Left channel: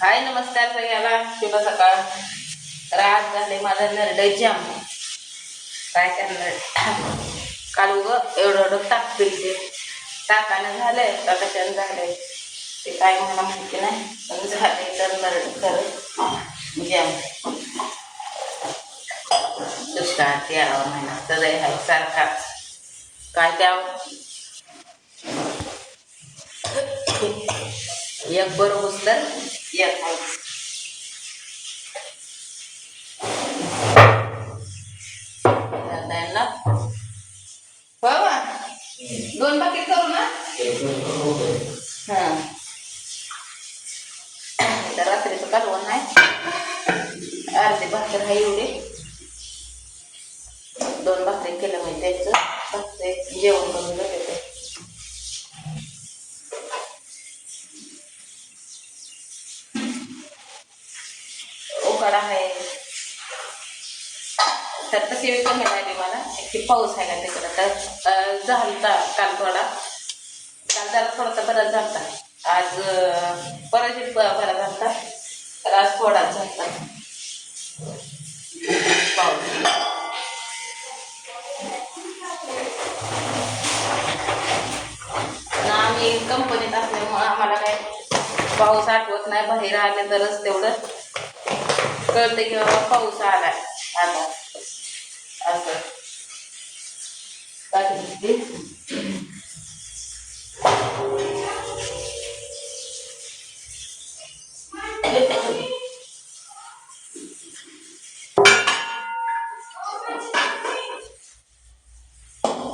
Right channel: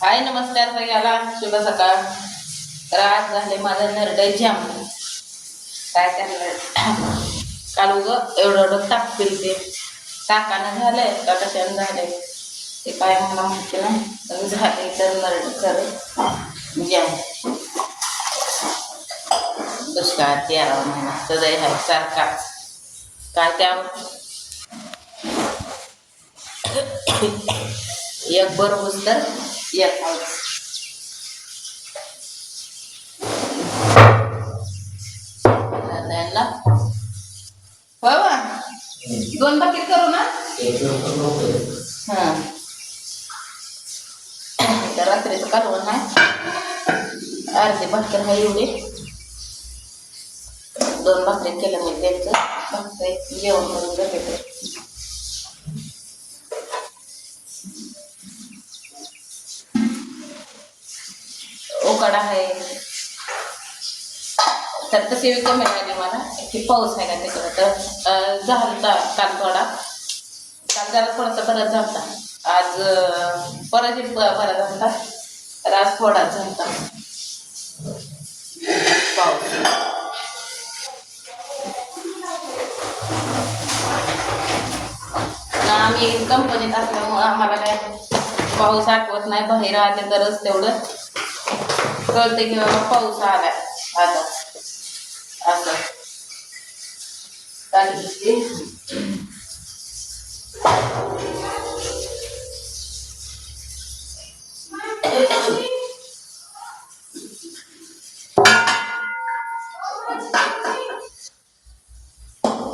हाय नमस्कार सगळ्याला, शुभ सकाळ. तर आज झाले माझं नरडे जाम. काय करणार, काल एवढं ताक पिलते. ताकानं झालंय का कशानं झालंय ते काय मला माहिती नाही, पण झालंय तर नरड खरं जाम. दुष्काळात 13वा महिना सदै आहे सारखा. काय त्यावर एक बरोबर तर एक आहे. त्यांना बाबा 2 बाकी करू ना. हां, तर रात्रीचं कालवण आहे. अर्धे भाकर आहे एवढे. 2 भाकरी केलं मी द्यायचं भाकरी जेवण करून जाते. ते उकाडा आहे तर तशी कमी झाली मला. की पाऊस आहे का तिकडं तर झालता काल थोडा. काल जरा थोडासा बराच झालता. आज परत बरा झालता. तर आज थोडाच झालता पाऊस. आम्ही कंपनीत असल्यामुळं आम्हाला काय पाऊस आठवत नाही. बाहेर आले तरच तेवढं कळते की बाबा पाऊस आलाय आता असं.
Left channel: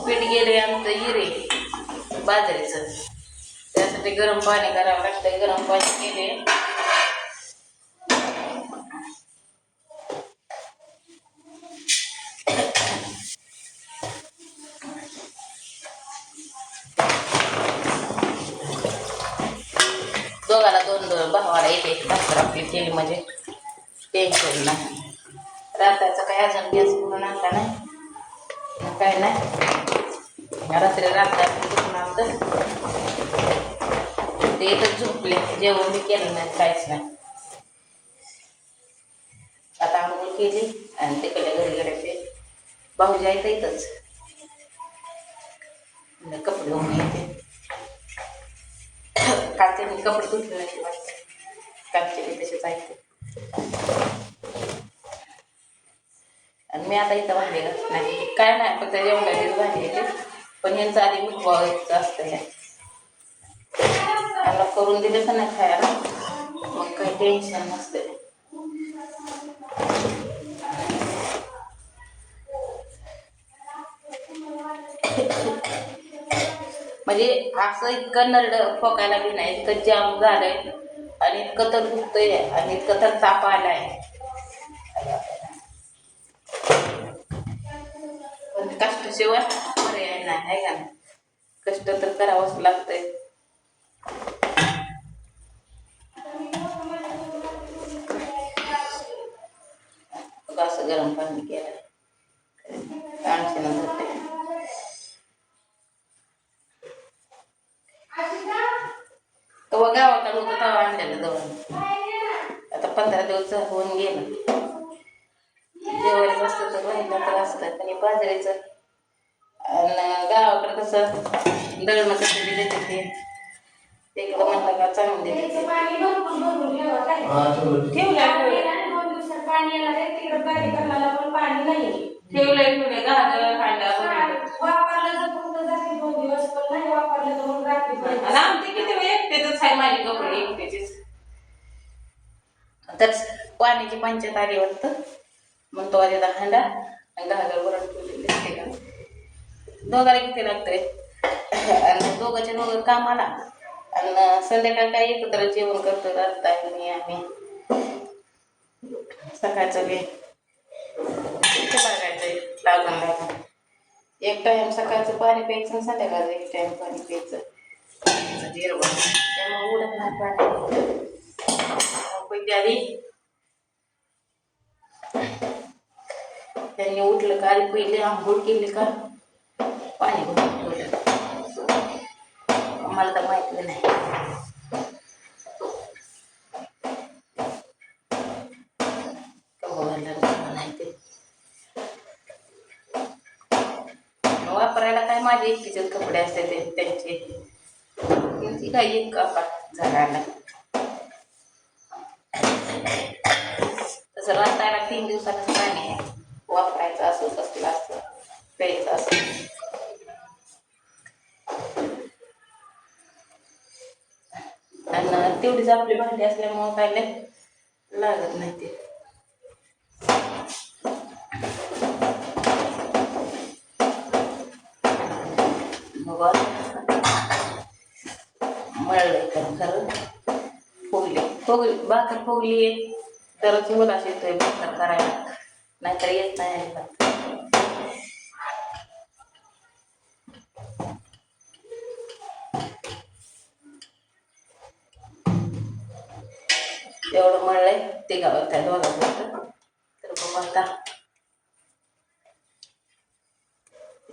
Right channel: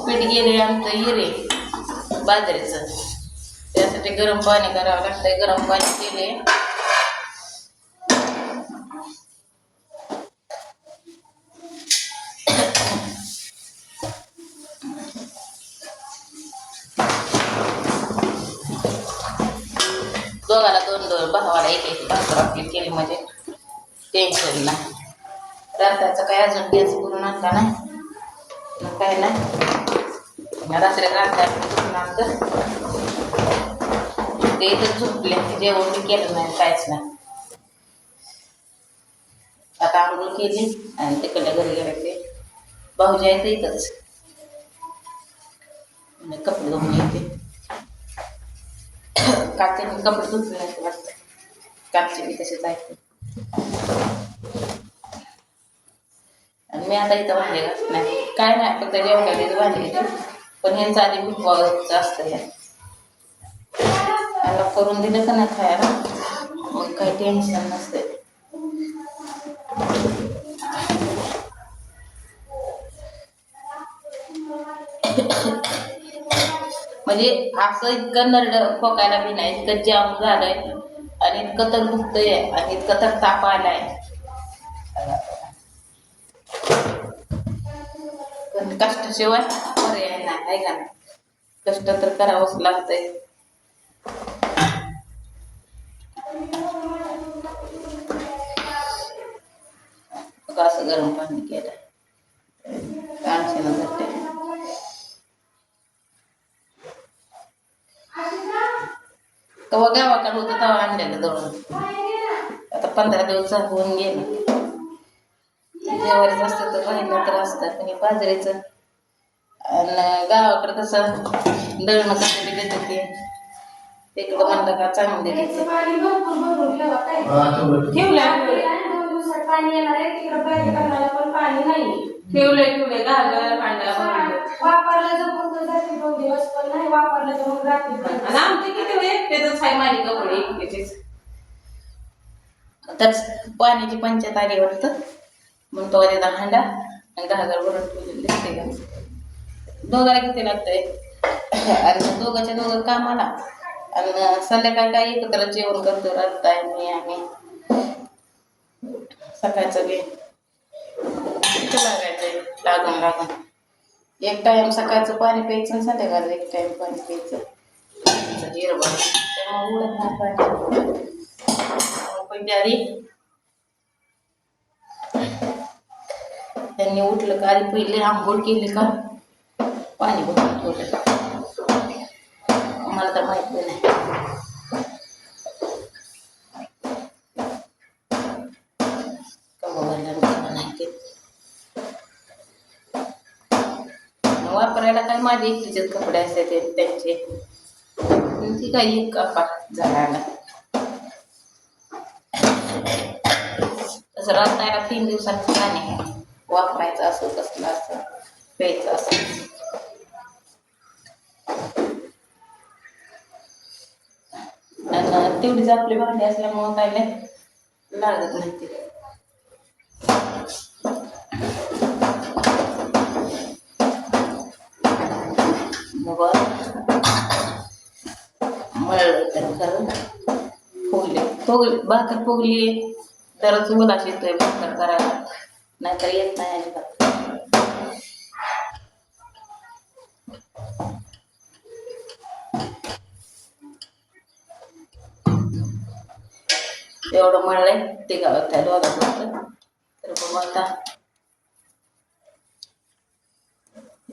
पीठ गेले आमचं हिरे बाजरीचं. त्यासाठी गरम पाणी करावं लागतंय. गरम पाणी केले. दोघाला 2 भावाला एक भाकर आपली केली म्हणजे टेन्शन नाही. रात्रीचं काय अजून गॅस करून आणला नाही, काय नाही. रात्री करून आणतं ते इथं झोपले. जेवण बी केलं नाही, काहीच नाही. आता आंघोळ केली आणि तिकडल्या घरी गेले. ते भाऊजी आहेत इथंच, कपडे धुवून येते. कालचे मी कपडे धुतले नाही वाटतं. कालचे मी तसेच आहेत. आणि मी आता इथं भांडे घासत नाही, काय नाही. फक्त जेवणाचीच भांडी येते. पण ह्यांचं आधी भुकवायचं असतं. यांना करून दिलं का नाही खायला मग काही टेन्शन नसते. म्हणजे असं इतकं नरड फोकायला बी नाही, इतकं जाम झालंय आणि इतकं तर दुखतंय आणि इतकं तर ताप आलाय. पण कष्टाशिवाय पर्याय नाही, आहे का नाही. कष्ट तर करावंच लागतंय. असं गरम पाणी केलं तेव्हा गावाकडे होतं तेव्हा आणलेलं दळून. आता 15 दिवस होऊन गेलं. जेवायचं असतं तर राहिलं तर असतं. पण हे बाजरीचं आणि गावाकडे कसं दळणं कसं बी देते ते तिकडं म्हणलं का चांगले देते. पाणी येणार आहे तिकडं. पाणी करायला पण पाणी नाही. ठेवले घागर भांडा वापरलं तर फक्त जाते 2 दिवस, पण नाही वापरलं तर मग रात्री. आमचे किती एकटेच आहे, माझे कपडे एकटेचेच. तर पाण्याची पंचायत आली वाटतं मग तो आधी हांडा आणि घागर भरून ठेवलेली दिसते का. दोघाला किती लागतंय आणि दोघांच्या दोघं कामाला आणि संध्याकाळी काय एकत्र जेवण करतो. राहताय मी आणि सकाळचं बी किती लागायचंय लागून एक टाइम सकाळचं पाणी प्यायचं, संध्याकाळचं एक टाइम पाणी प्यायचं. जिरवण त्यामुळे उडत नाही पाणी. पण आधी त्यांनी उठलं का आधी पहिले आंघोळ केली का पाणी भरून ठेवलं. मला तर माहिती नाही. ते. वापरायला काय माझे एकटीचेच कपडे असायचे त्यांचे, ती काही एक कापा झाडाला. तसं राहतायला 3 दिवसांचं पाणी आहे, वापरायचं असं कसलं असं प्यायचं असं. आणि तेवढीच आपली भांडी असल्यामुळं काय लागत नाही ते. मग मळलंय तर खरं फुगली भाकर फुगली तरच उलास येतोय भाकर करायला, नाहीतर येत नाही अजिबात. एवढं मळलंय ते गावात त्या दोघात होतं, तर बघू आता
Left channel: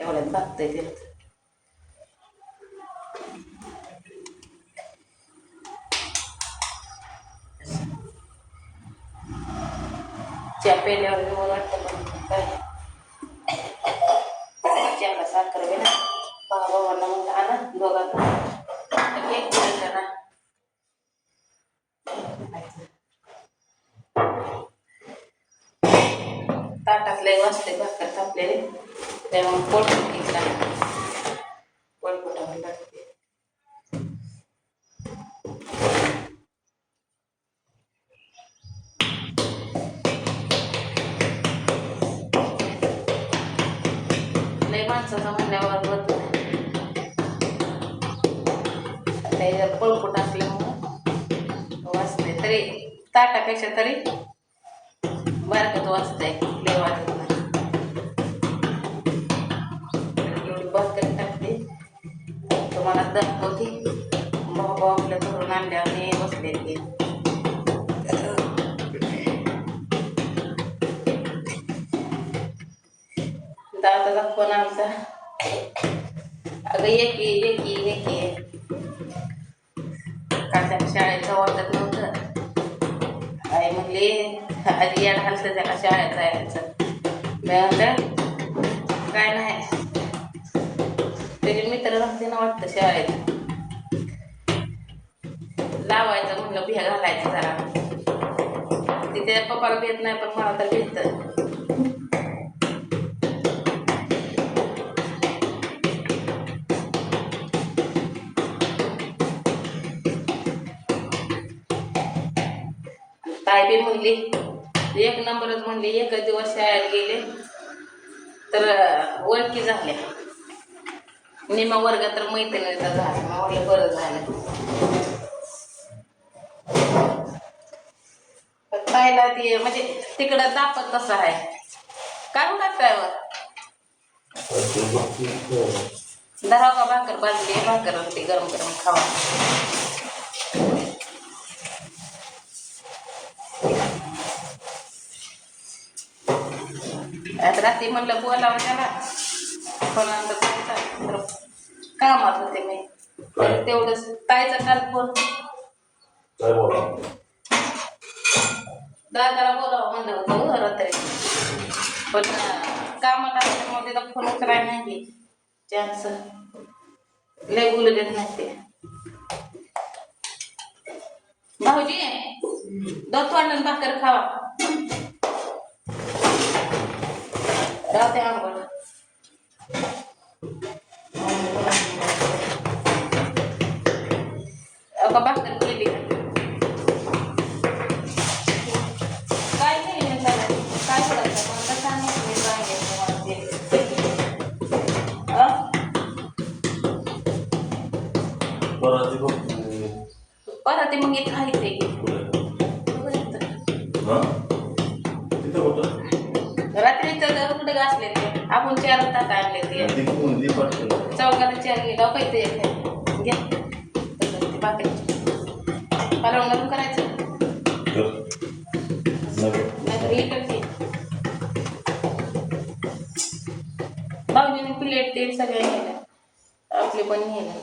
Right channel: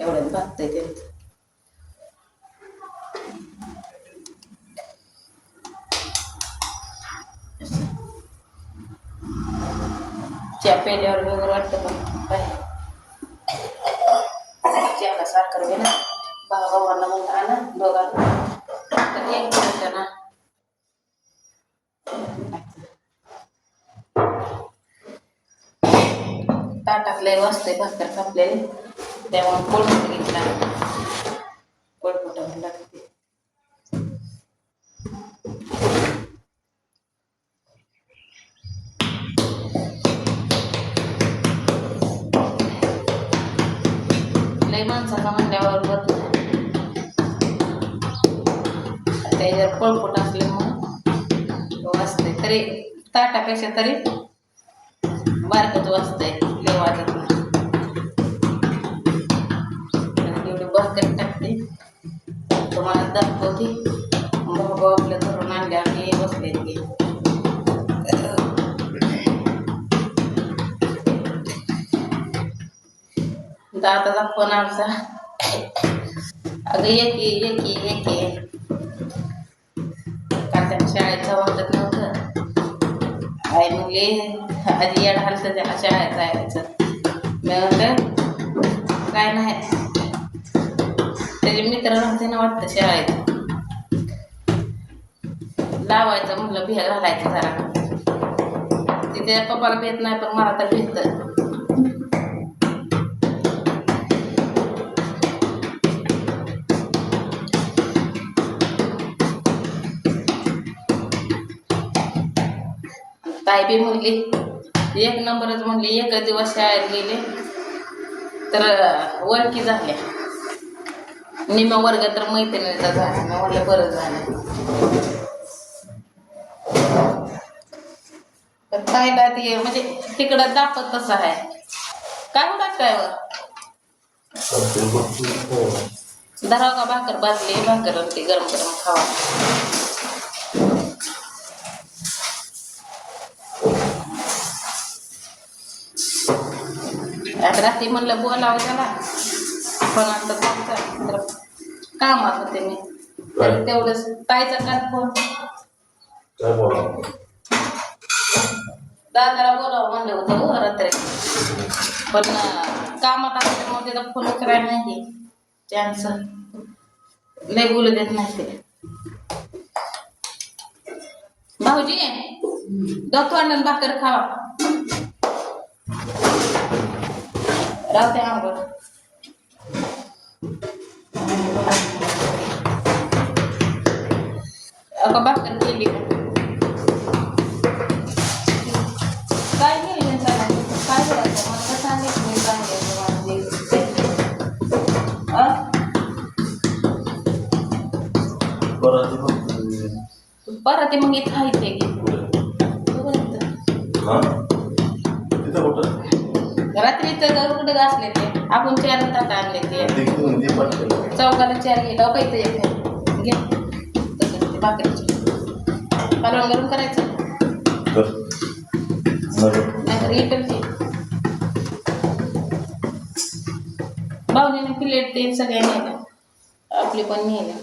एवढ्यात भागतंय त्यांचं. चहा पेल्यावर व्यवहार वाटतं, पण काय चहाला साखर बी ना भावांना म्हणता ना दोघांना तर एक दिवस ना ताटातले वाजते भाकर तापलेली, त्यामुळे पोळपट घेतला, पोळपटावर लागते. लय माणसाचा म्हणल्यावर होत नाही, त्याच्यावर पोळपट असल्यामुळं वाजते. तरी ताटापेक्षा तरी बारकत वाजतंय, लय वाजत नाही. एवढी भाकर टाकते तुम्हाला दाखवते. भाऊ आपल्या घरून आणल्याने बसले ते. दादाचा फोन आमचा, अगं ये का त्या शाळेचं वाटत नव्हतं. आई म्हणले आधी येड हलतं त्याला शाळेत जायचं. मी म्हणलं काय नाही, त्याचे मित्र राहते ना वाटतं शाळेत, लावायचं म्हणलं भिया घालायचं जरा. तिथे पप्पाला भेट नाही पण मला तर भेटतं. ताई बी म्हणली एक नंबरच म्हणली, एक दिवस शाळेत गेले तर ओळखी झाल्या, निम्मा वर्ग तर मैत्रिणीचा झाला. मग म्हणलं बरं झालं. पण ताईला ते म्हणजे तिकडं दापत तसं आहे. काय होणार ड्रायव्हर धराव का भाकर भाजली, भाकर होती गरम गरम खावा. आता रात्री म्हणलं बोलावं त्याला, पण आता तर कामात होते मी, तर तेवढंच ताईचा काल फोन दादाला बोलावं म्हणलं होतं हो रात्री, पण कामात असल्यामुळे त्याचा फोन करायला नाही चान्स, लय बोलू देत नाही ते. भाऊजी दत्तू अण्णा भाकर खावा, राहते आंबट. अगं भाकर केली काय नाही त्याला, काय बोलायचं मला तर सांगितलं नाही, सांगायचं परत मग इथं आहे ते रात्री तर कुठे घासले ते आपण 4 ताट आणले ते चौकाला 4 गेला पाहिजे घ्या तसं ते भाकरीचे कालवण घालून करायचं नाहीतर इकडचे भाऊजीने प्लेट ते सगळ्या नेल्या, आपले पण नेल्या.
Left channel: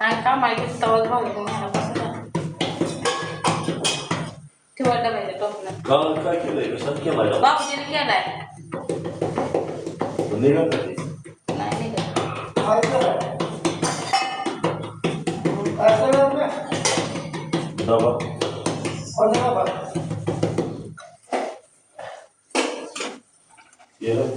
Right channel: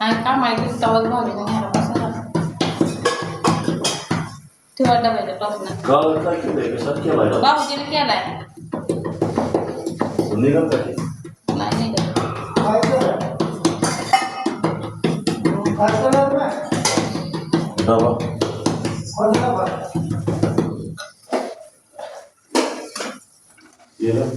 आणि कामाला गेलं तेव्हा भाऊजीने न्यायला कसं झालं ठेवा डब्याच्या टोपनं. काल काय केलंय कशात केलाय भाऊजीने केलाय. निघत आहे नाही निघत. डबा येलं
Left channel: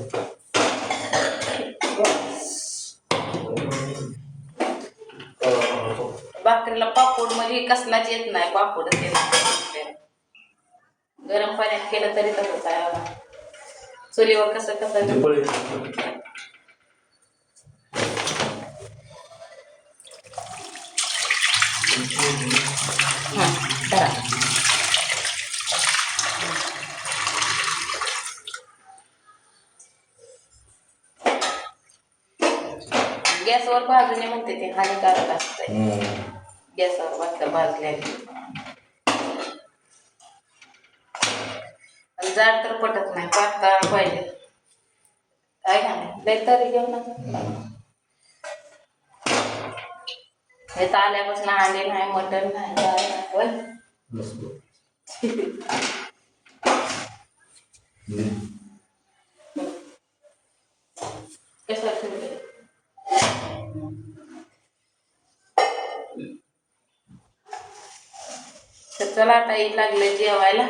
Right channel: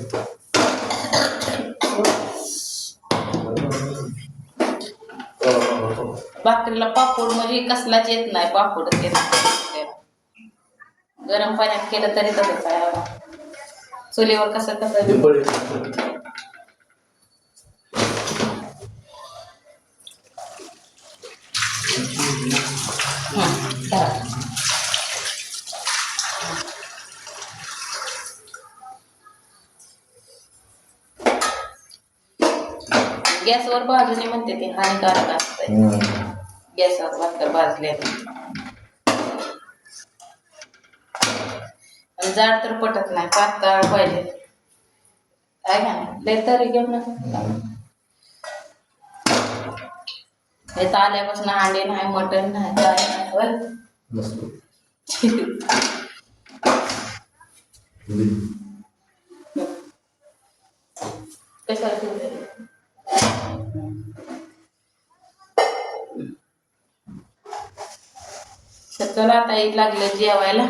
भाकरीला पापड म्हणजे कसलाच येत नाही. पापडच येत नाही. गरम पाण्यात केलं तरी तसंच आहे बाबा. चुलीवर कसं करा. गॅसवर भाजून म्हणते ते हानिकारक असतंय. गॅसवर भाकर भाजलेली जाड तर पटत नाही. पातळ पाहिजे आहे का नाही. लय तरी घेऊ नका. हे आल्यापासून अंडे नाही, मटण नाही, काय नाही. तर चला आता लागलं जेवायला.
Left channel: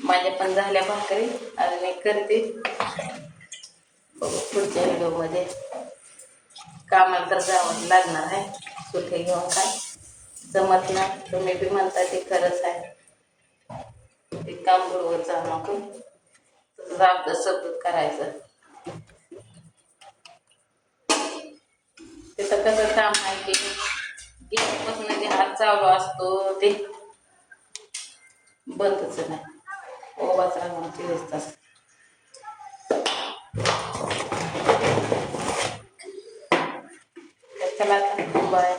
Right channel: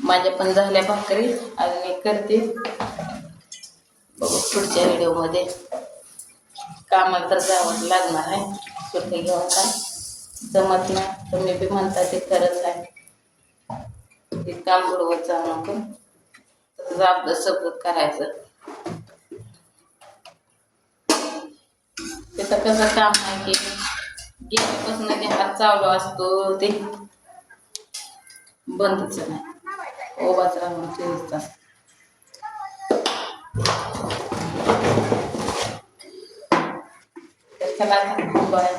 माझ्या पण झाल्या भाकरी. अजून एक करते. बघू पुढच्या व्हिडिओमध्ये. कामाला तर जावंच लागणार आहे. सुट्टी घेऊन काय जमत नाही. तुम्ही बी म्हणता ते खरंच आहे. ते काम बरोबर जाऊ नको. तसंच आपलं सगळं करायचं. तिथं कसं काम आहे की गेल्यापासून ते हात चालू असतो. ते बंदच नाही. ओवाच राहून 24 तास. चला आता बाय.